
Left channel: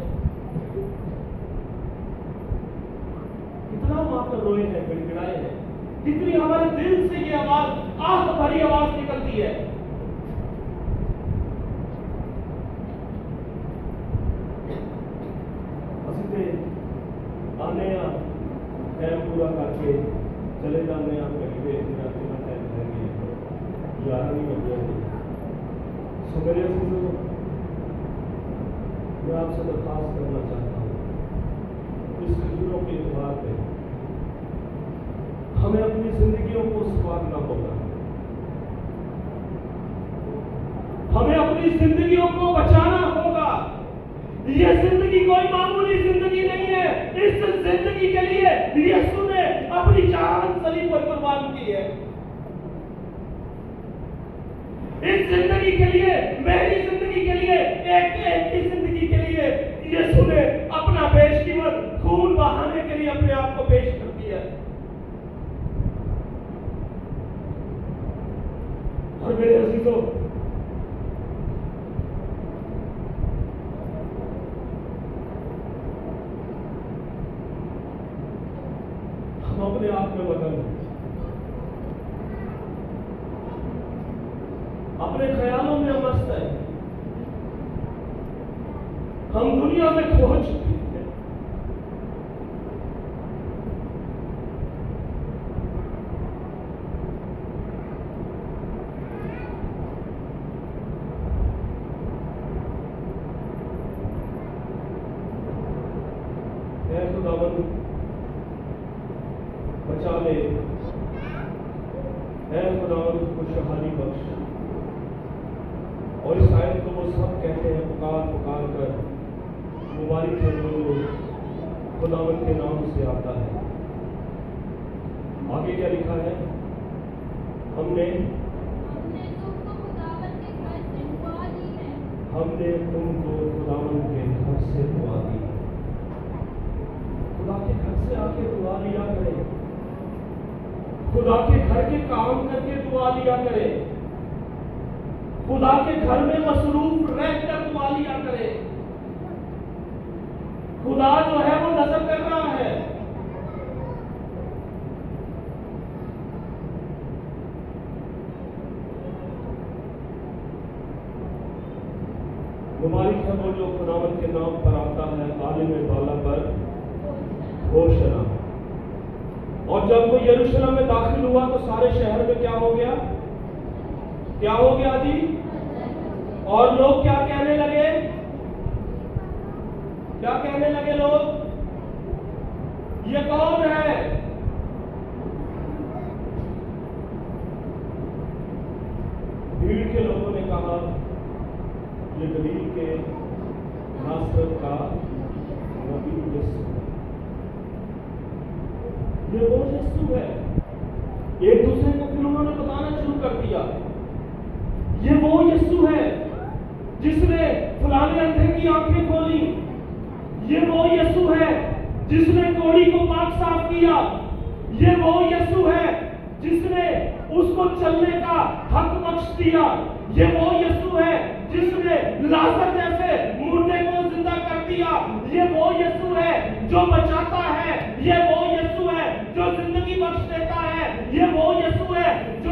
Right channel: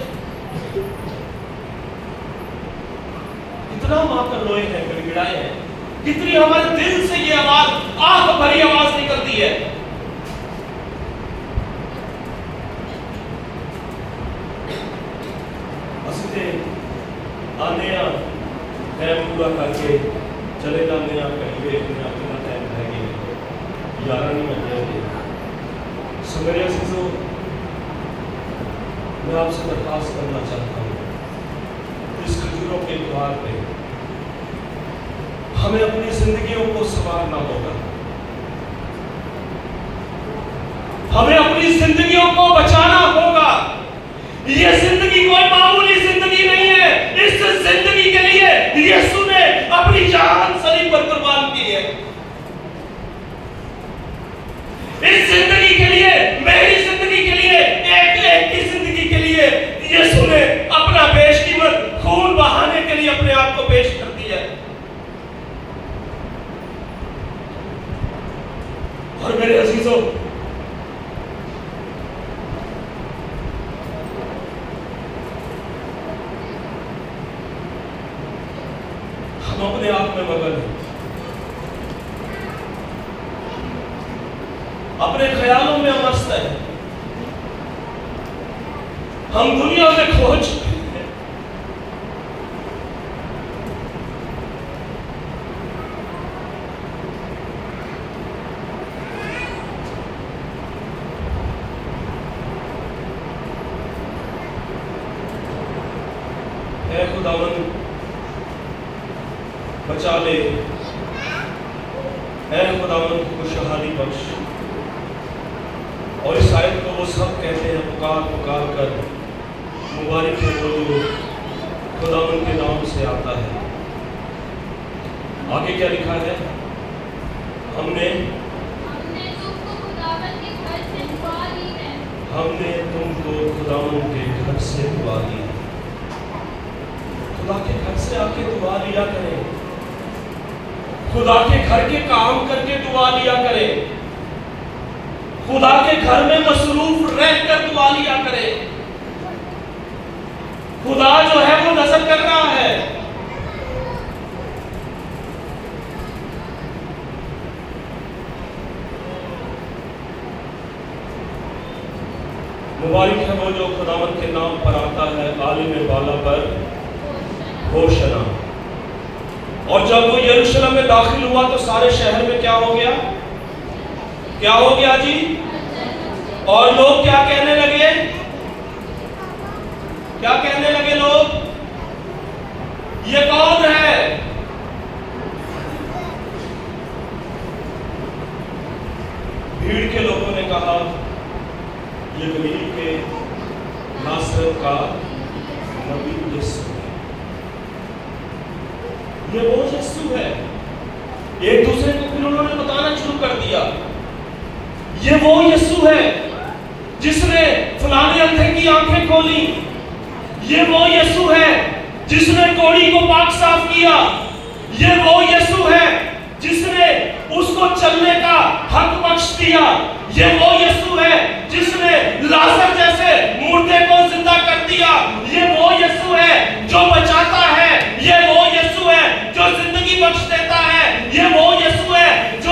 کتنا ماں کر روئے ہیں، گڑگڑائے ہیں، کتنی ہمارے دل سے یہ آواز، آہ بھری آواز نکلتی ہے۔ آنے ٹائم پورا کر کے چلے جانے کہیں گے، اپنا ٹائم رہ گیا، 11 نہیں بج جائیں گے۔ سو میرے عزیزو، میں آپ سے درخواست کرنا چاہتا ہوں، اس کھجوروں کے اتوار پہ ہمیں اپنی زندگیوں کو سنوارنا ہوگا، ہمیں اپنی زندگیوں کو بچانا ہوگا۔ یہ زندگی کوئی معمولی زندگی نہیں ہے، اس زندگی کے لیے یسوع نے اپنی جان صلیب پر قربان کی ہے۔ اس زندگی کے لیے، میری زندگی کے لیے، ایک کی زندگی کے لیے یسوع نے اپنا بیش قیمت خون بہانے کے لیے اپنے آپ کو پیش کر دیا ہے۔ اور میرے عزیزوں، ہم اپنے آپ میں مگن ہیں، اپنے خیالوں میں مست ہیں، ہم دنیا میں کھو چکے ہیں۔ اے خداوند بچا لے، اے خداوند خوشحالی بخش۔ اور اس آیت کو وہ سب کہتے ہیں پکار پکار کر، مبارک ہے وہ جو خداوند کے نام سے آتا ہے۔ آگے کیا لکھا ہے؟ ہم نے تم کو خداوند کے گھر سے دعا لی ہے۔ ہم نے تم کو خداوند کے گھر سے دعا لی ہے۔ خدا کے گھر سے آ کے دعا لیا کریں، خدا کے گھر کے کام کر کے دعا لیا کرے، خدا کے گھر میں مصروف رہ کر دعا لیا کرے۔ خدا جو ہے وہ نظر کر رہا ہے۔ مبارک ہے وہ جو خداوند کے نام پر آتا ہے، عالم بالا پر ہوشنا۔ اور جب وہ یروشلم میں داخل ہوا تو سارے شہر میں کیا ہو گیا؟ کیا ہو گیا جی؟ اور لوگ کیا کہنے لگے؟ کیا کہنے لگے لوگ؟ یہ کون ہے؟ بھیڑ کے لوگوں نے کہا یہ گلیل کے ناصرت کا نبی یسوع ہے، یہ وہ یسوع ہے۔ ایک دوسرے کو پھر انہوں نے بتانا شروع کر دیا، یہ وہ یسوع ہے جس نے فلانے اندھے کی آنکھیں کھولی، یہ وہ یسوع ہے جس نے کوڑی کو پاک صاف کیا، یہ وہ یسوع ہے جس نے اس کو چلنے کا حق بخش دیا، یہ وہ یسوع ہے جس نے لازر جیسے مردے کو زندہ کر دیا، یہ وہ یسوع ہے جو بچاتا ہے، یہ وہ یسوع ہے جو زندگی بخش دیتا ہے، یہ وہ یسوع ہے جو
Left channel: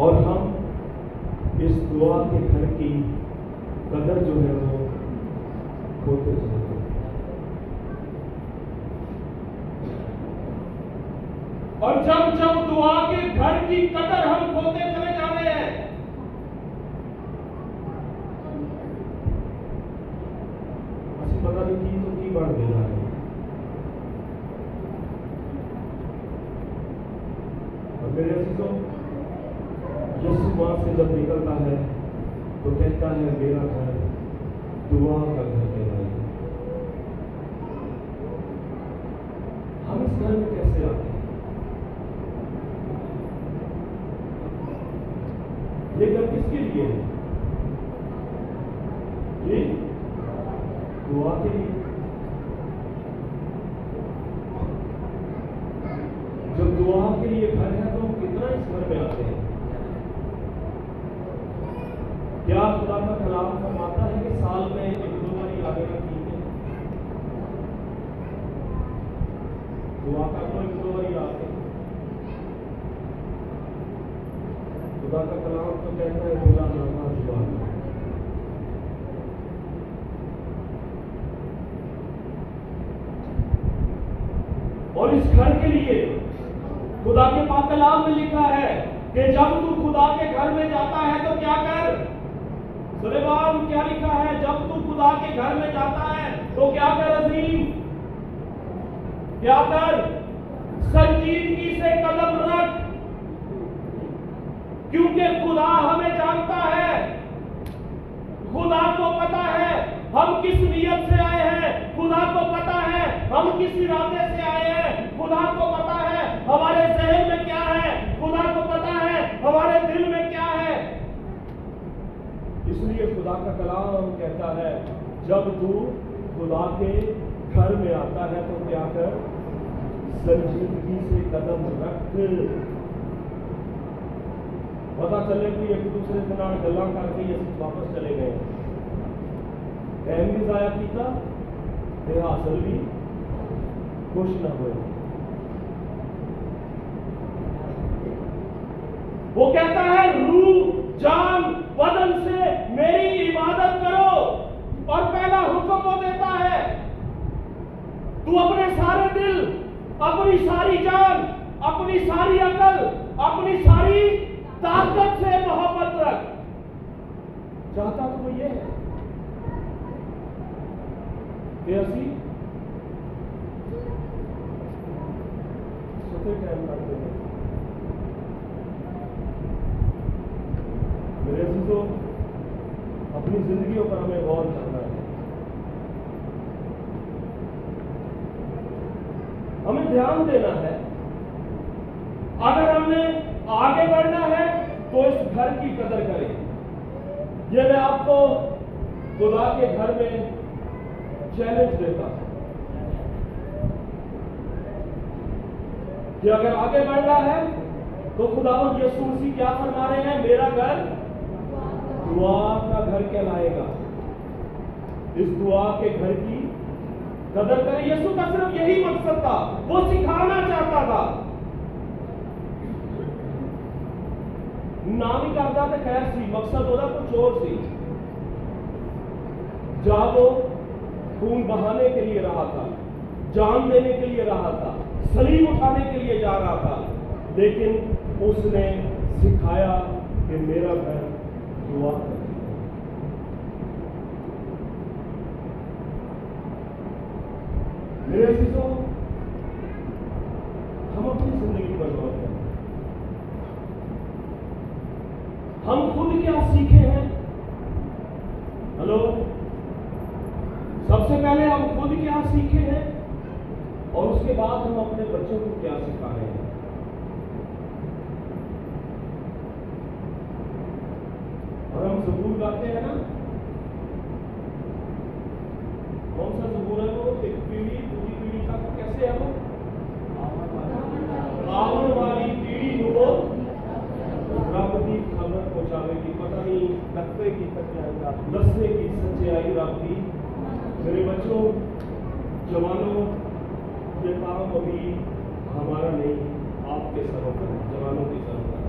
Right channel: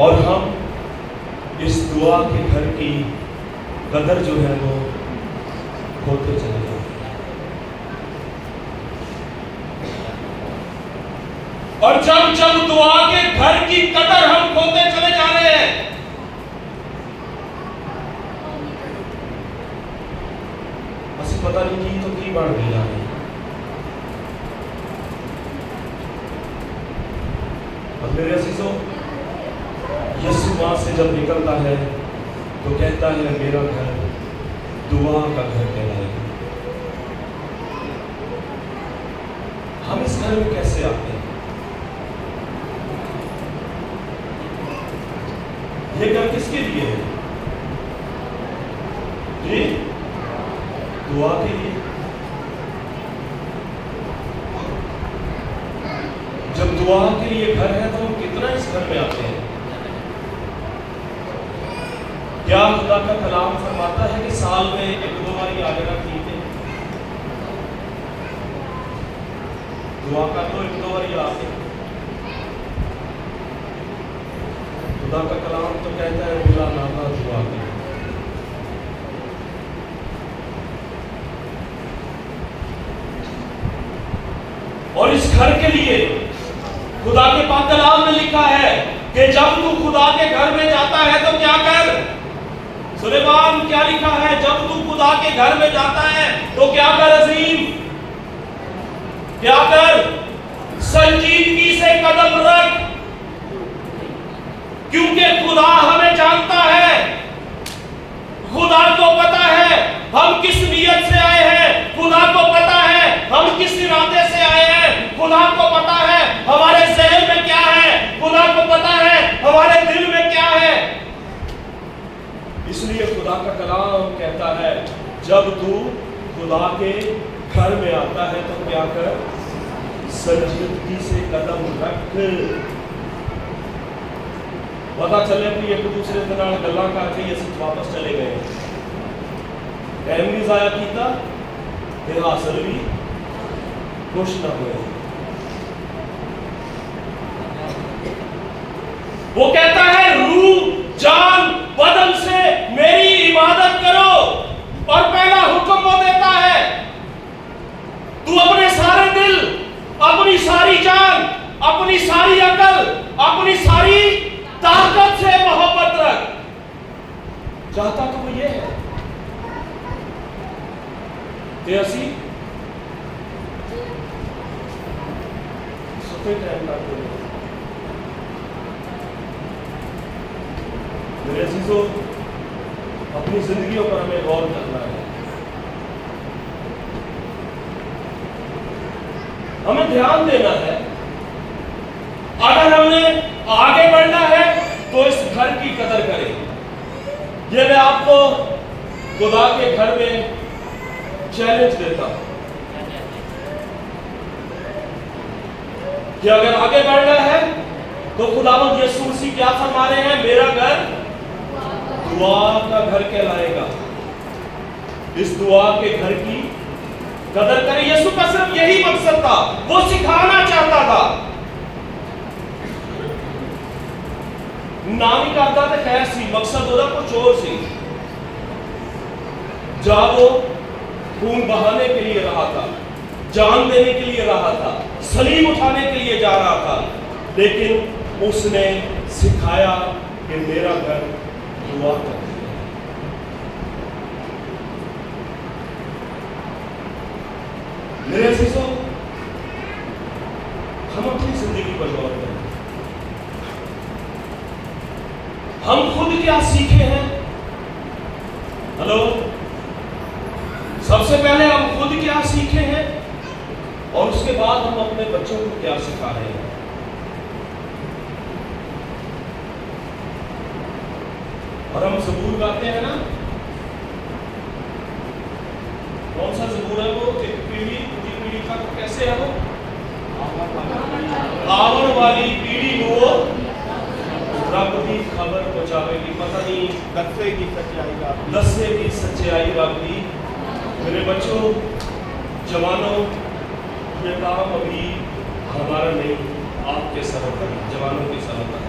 اور ہم اس دعا کے گھر کی قدر جو ہے وہ ہوتے چلے جائیں. اور جب جب دعا کے گھر کی قدر ہم کھوتے چلے جا رہے ہیں, اسی پتہ نہیں کی تو کی بڑھ گئی جا رہی. اور میرے عزیزوں, یسوع ماں سے جب نکلتا ہے تو کہتا ہے میرا گھر دعا کا گھر کہلائے گا. ہم اس گھر میں کیسے آتے ہیں؟ یہ گھر کس کے لیے ہے؟ جی دعا کے لیے. جب دعا کے لیے گھر ہے تو ہم کتنا اس گھر میں آتے ہیں؟ کیا خدا کا کلام فرماتا ہے کہ سال میں 1-2 بار آ جانا ٹھیک ہے؟ دعا کر لو 1-2 بار آتے ہیں. خدا کا کلام تو کہتا ہے بلا ناما دعا کرو. اور اس گھر کے لیے خدا کے پاک کلام میں لکھا ہے کہ جب تو خدا کے گھر میں جاتا ہے تو کیا کر. سلیمان کیا لکھا ہے؟ جب تو خدا کے گھر میں جاتا ہے تو کیا کر عظیم؟ کیا کر؟ سنجیدگی سے قدم رکھ, کیونکہ خدا ہمیں جانتا ہے. خدا کو پتا ہے ہم کس نیت سے آئے ہیں. خدا کو پتا ہے ہم کس ارادے سے آئے ہیں. خدا کو پتا ہے ہمارے ذہن میں کیا ہے. خدا کو پتا ہے ہمارے دل میں کیا ہے. اس لیے خدا کا کلام کہتا ہے جب تو خدا کے گھر میں آتا ہے تو کیا کر؟ سنجیدگی سے قدم رکھ. پتا چلے کہ ایک دوسرے کے نال گلاں کر کے اسی واپس چلے گئے, ٹائم بھی ضائع کیتا تے حاصل بھی کچھ نہ ہوئے. وہ کہتا ہے روح جان بدن سے میری عبادت کرو, اور پہلا حکم وہ دیتا ہے تو اپنے سارے دل, اپنی ساری جان, اپنی ساری عقل, اپنی ساری طاقت سے محبت رکھ. چاہتا تو وہ یہ ہے کہ اسی ستے ٹائم کرتے ہیں. میرے عزیزوں, اپنی زندگیوں پر ہمیں غور کرنا ہے. ہمیں دھیان دینا ہے. اگر ہم نے آگے بڑھنا ہے تو اس گھر کی قدر کریں. یہ میں آپ کو خدا کے گھر میں چیلنج دیتا ہوں کہ اگر آگے بڑھنا ہے تو خداوند یسوع مسیح کیا فرما رہے ہیں؟ میرا گھر دعا کا گھر کہلائے گا. اس دعا کے گھر کی قدر کریں. یسوع کا صرف یہی مقصد تھا, وہ سکھانا چاہتا تھا. نامی کرتا تھا خیر سی, مقصد ہوتا کچھ اور سی. جہاں وہ خون بہانے کے لیے رہا تھا, جان دینے کے لیے رہا تھا, صلیب اٹھانے کے لیے جا رہا تھا, لیکن اس نے سکھایا کہ میرا گھر دعا کا گھر ہے. میرے عزیزوں, ہم اپنی زندگی پر غور کریں. ہم خود کیا سیکھے ہیں؟ ہلو, سب سے پہلے ہم خود کیا سیکھے ہیں اور اس کے بعد ہم اپنے بچوں کو کیا سکھا رہے ہیں. اور ہم زبور گاتے ہیں نا, کون سا زبور ہے وہ؟ ایک پیڑھی دوسری پیڑھی کا کیسے ہے وہ؟ آون والی پیڑھی وہ رب کی خبر پہنچاوے گی. پتہ نہیں دسے کی سچائی کا دسے کی سچائی رب کی. میرے بچوں, جوانوں, یہ کام ابھی ہمارا نہیں, آپ کے سبب ہے, جوانوں کے سبب ہے.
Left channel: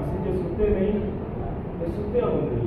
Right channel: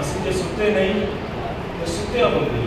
ਅਸੀਂ ਜੇ ਸੁੱਤੇ ਨਹੀਂ ਤੇ ਸੁੱਤਿਆ ਬੰਦੀ।